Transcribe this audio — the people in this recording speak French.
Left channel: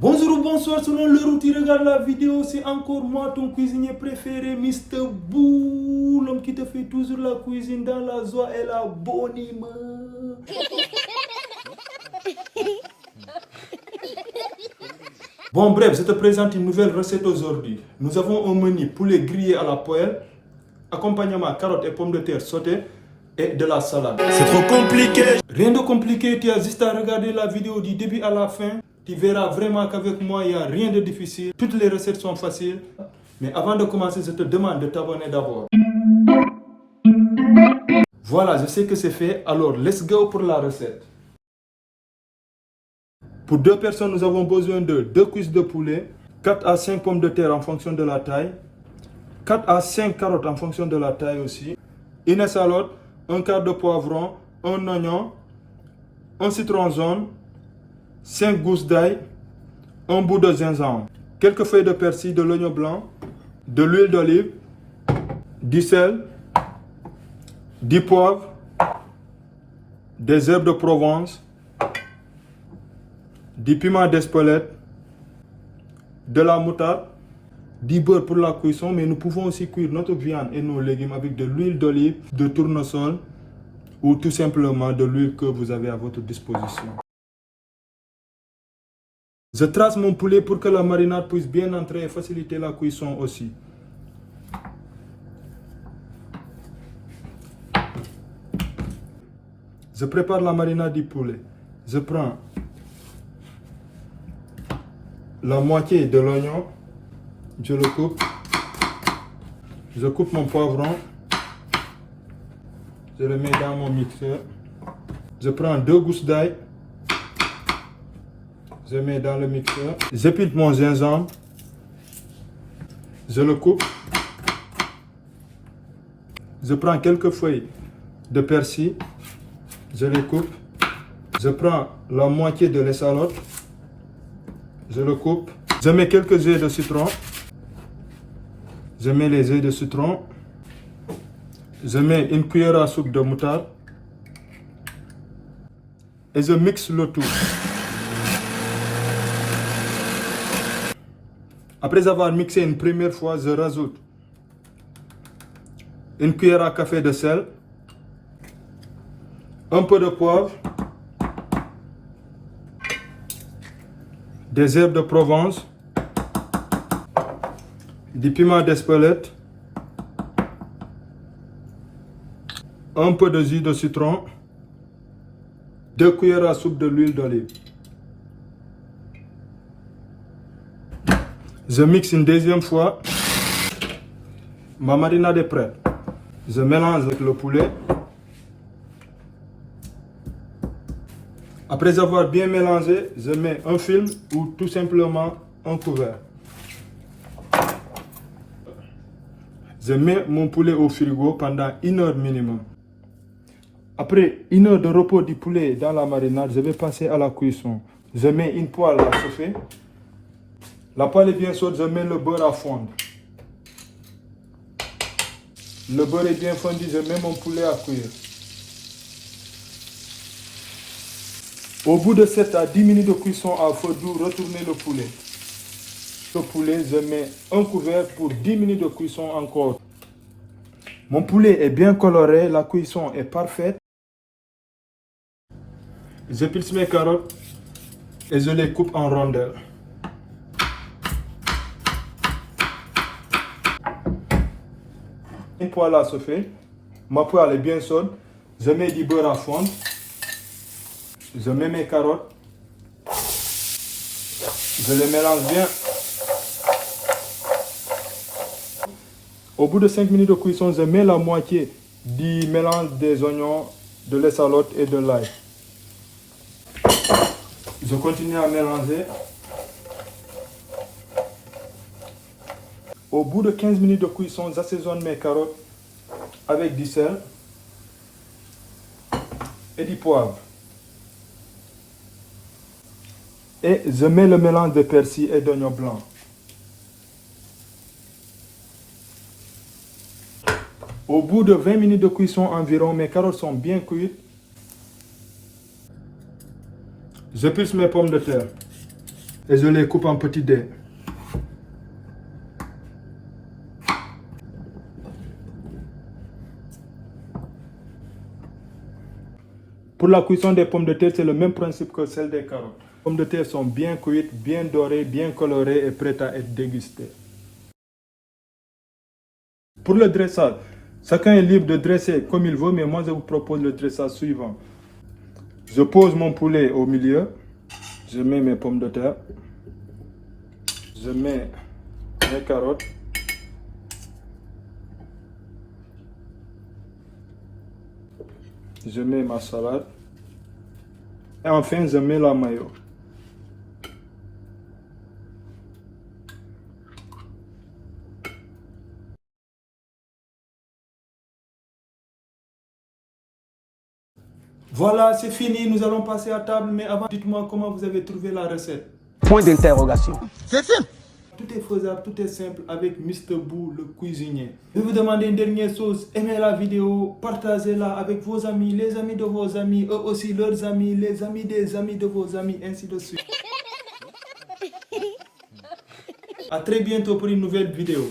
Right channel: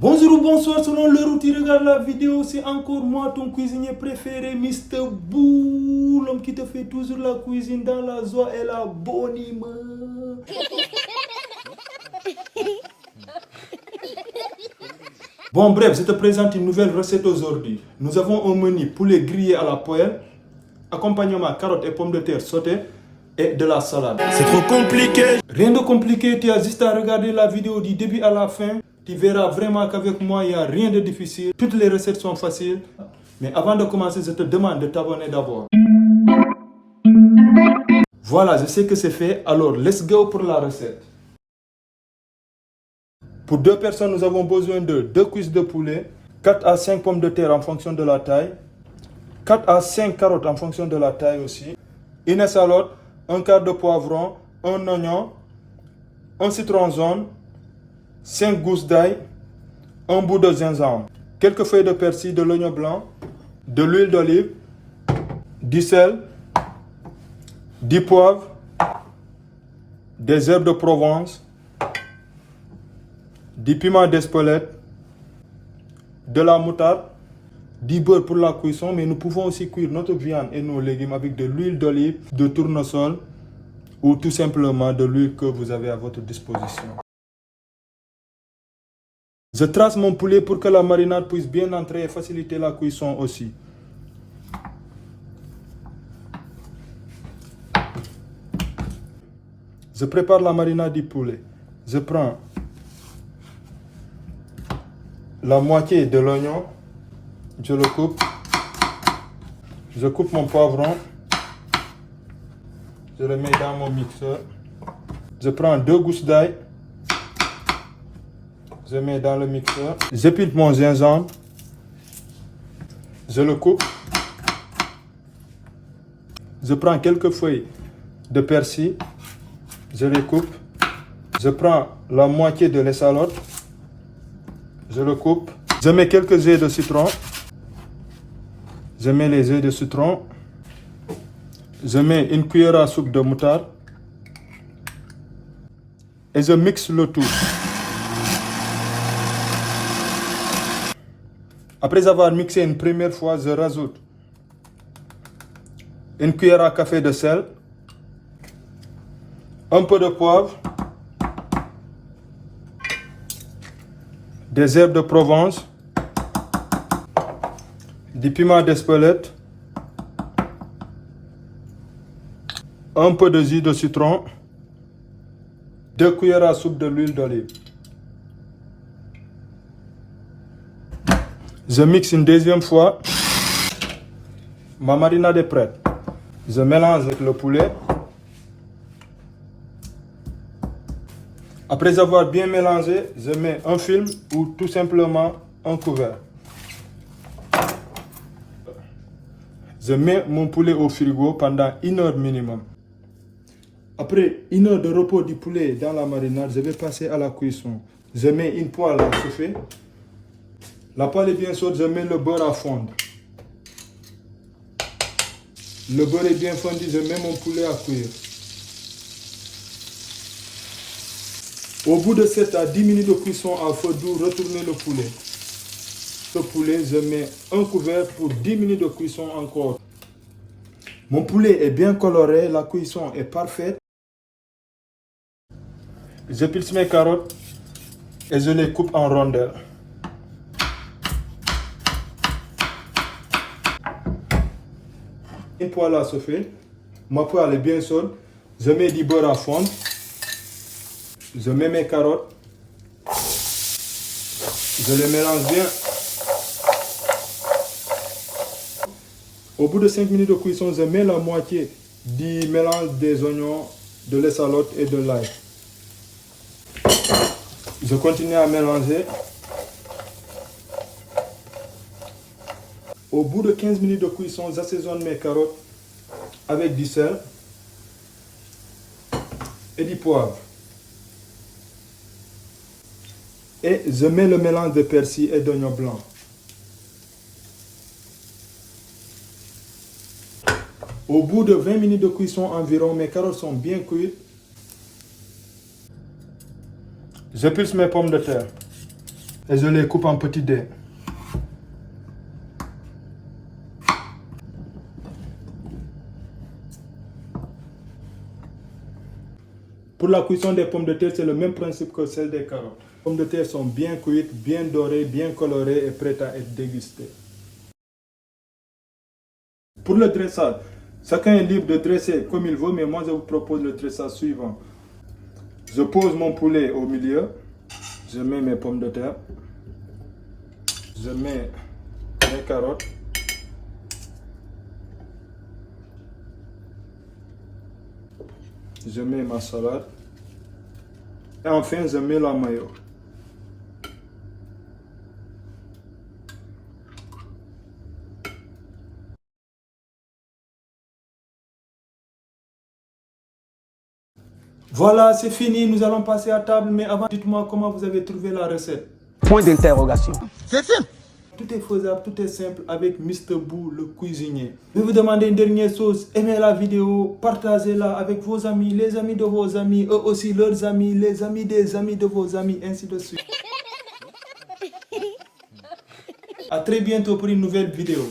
Bonjour ou bonsoir, selon l'heure où tu regardes la vidéo, c'est encore moi, ton cuisinier préféré, Mr. Boo, l'homme qui te fait toujours la cuisine dans la joie et la bonne humeur. Bon, bref, je te présente une nouvelle recette aujourd'hui. Nous avons un menu poulet grillé à la poêle, accompagnement carottes et pommes de terre sautées et de la salade. C'est trop compliqué. Rien de compliqué, tu as juste à regarder la vidéo du début à la fin. Tu verras vraiment qu'avec moi, il n'y a rien de difficile. Toutes les recettes sont faciles. Mais avant de commencer, je te demande de t'abonner d'abord. Voilà, je sais que c'est fait. Alors, let's go pour la recette. Pour 2 personnes, nous avons besoin de 2 cuisses de poulet, 4 à 5 pommes de terre en fonction de la taille, 4 à 5 carottes en fonction de la taille aussi, une escalope, un quart de poivron, un oignon, un citron jaune, 5 gousses d'ail, un bout de gingembre, quelques feuilles de persil, de l'oignon blanc, de l'huile d'olive, du sel, du poivre, des herbes de Provence, du piment d'Espelette, de la moutarde, du beurre pour la cuisson, mais nous pouvons aussi cuire notre viande et nos légumes avec de l'huile d'olive, de tournesol ou tout simplement de l'huile que vous avez à votre disposition. Je trace mon poulet pour que la marinade puisse bien entrer et faciliter la cuisson aussi. Je prépare la marinade du poulet. Je prends la moitié de l'oignon, je le coupe. Je coupe mon poivron. Je le mets dans mon mixeur. Je prends 2 gousses d'ail. Je mets dans le mixeur. J'épile mon gingembre. Je le coupe. Je prends quelques feuilles de persil. Je les coupe. Je prends la moitié de l'escalope. Je le coupe. Je mets quelques œufs de citron. Je mets les œufs de citron. Je mets une cuillère à soupe de moutarde. Et je mixe le tout. Après avoir mixé une première fois, je rajoute une cuillère à café de sel, un peu de poivre, des herbes de Provence, du piment d'Espelette, un peu de jus de citron, 2 cuillères à soupe de l'huile d'olive. Je mixe une deuxième fois. Ma marinade est prête. Je mélange avec le poulet. Après avoir bien mélangé, je mets un film ou tout simplement un couvert. Je mets mon poulet au frigo pendant 1 heure minimum. Après 1 heure de repos du poulet dans la marinade, je vais passer à la cuisson. Je mets une poêle à chauffer. La poêle est bien chaude, je mets le beurre à fondre. Le beurre est bien fondu, je mets mon poulet à cuire. Au bout de 7 à 10 minutes de cuisson à feu doux, retournez le poulet. Ce poulet, je mets un couvert pour 10 minutes de cuisson encore. Mon poulet est bien coloré, la cuisson est parfaite. J'épile mes carottes et je les coupe en rondelles. Une poêle à chauffer. Ma poêle est bien chaude. Je mets du beurre à fondre. Je mets mes carottes. Je les mélange bien. Au bout de 5 minutes de cuisson, je mets la moitié du mélange des oignons, de l'escalope et de l'ail. Je continue à mélanger. Au bout de 15 minutes de cuisson, j'assaisonne mes carottes avec du sel et du poivre. Et je mets le mélange de persil et d'oignon blanc. Au bout de 20 minutes de cuisson environ, mes carottes sont bien cuites. J'épulse mes pommes de terre. et je les coupe en petits dés. Pour la cuisson des pommes de terre, c'est le même principe que celle des carottes. Les pommes de terre sont bien cuites, bien dorées, bien colorées et prêtes à être dégustées. Pour le dressage, chacun est libre de dresser comme il veut, mais moi je vous propose le dressage suivant. Je pose mon poulet au milieu, je mets mes pommes de terre, je mets mes carottes, je mets ma salade et enfin je mets la mayo. Voilà, c'est fini, nous allons passer à table, mais avant, dites-moi comment vous avez trouvé la recette. Point d'interrogation. C'est simple. Tout est faisable, tout est simple avec Mr. Boo, le cuisinier. Je vais vous demander une dernière chose, aimez la vidéo, partagez-la avec vos amis, les amis de vos amis, eux aussi leurs amis, les amis des amis de vos amis, ainsi de suite. À très bientôt pour une nouvelle vidéo.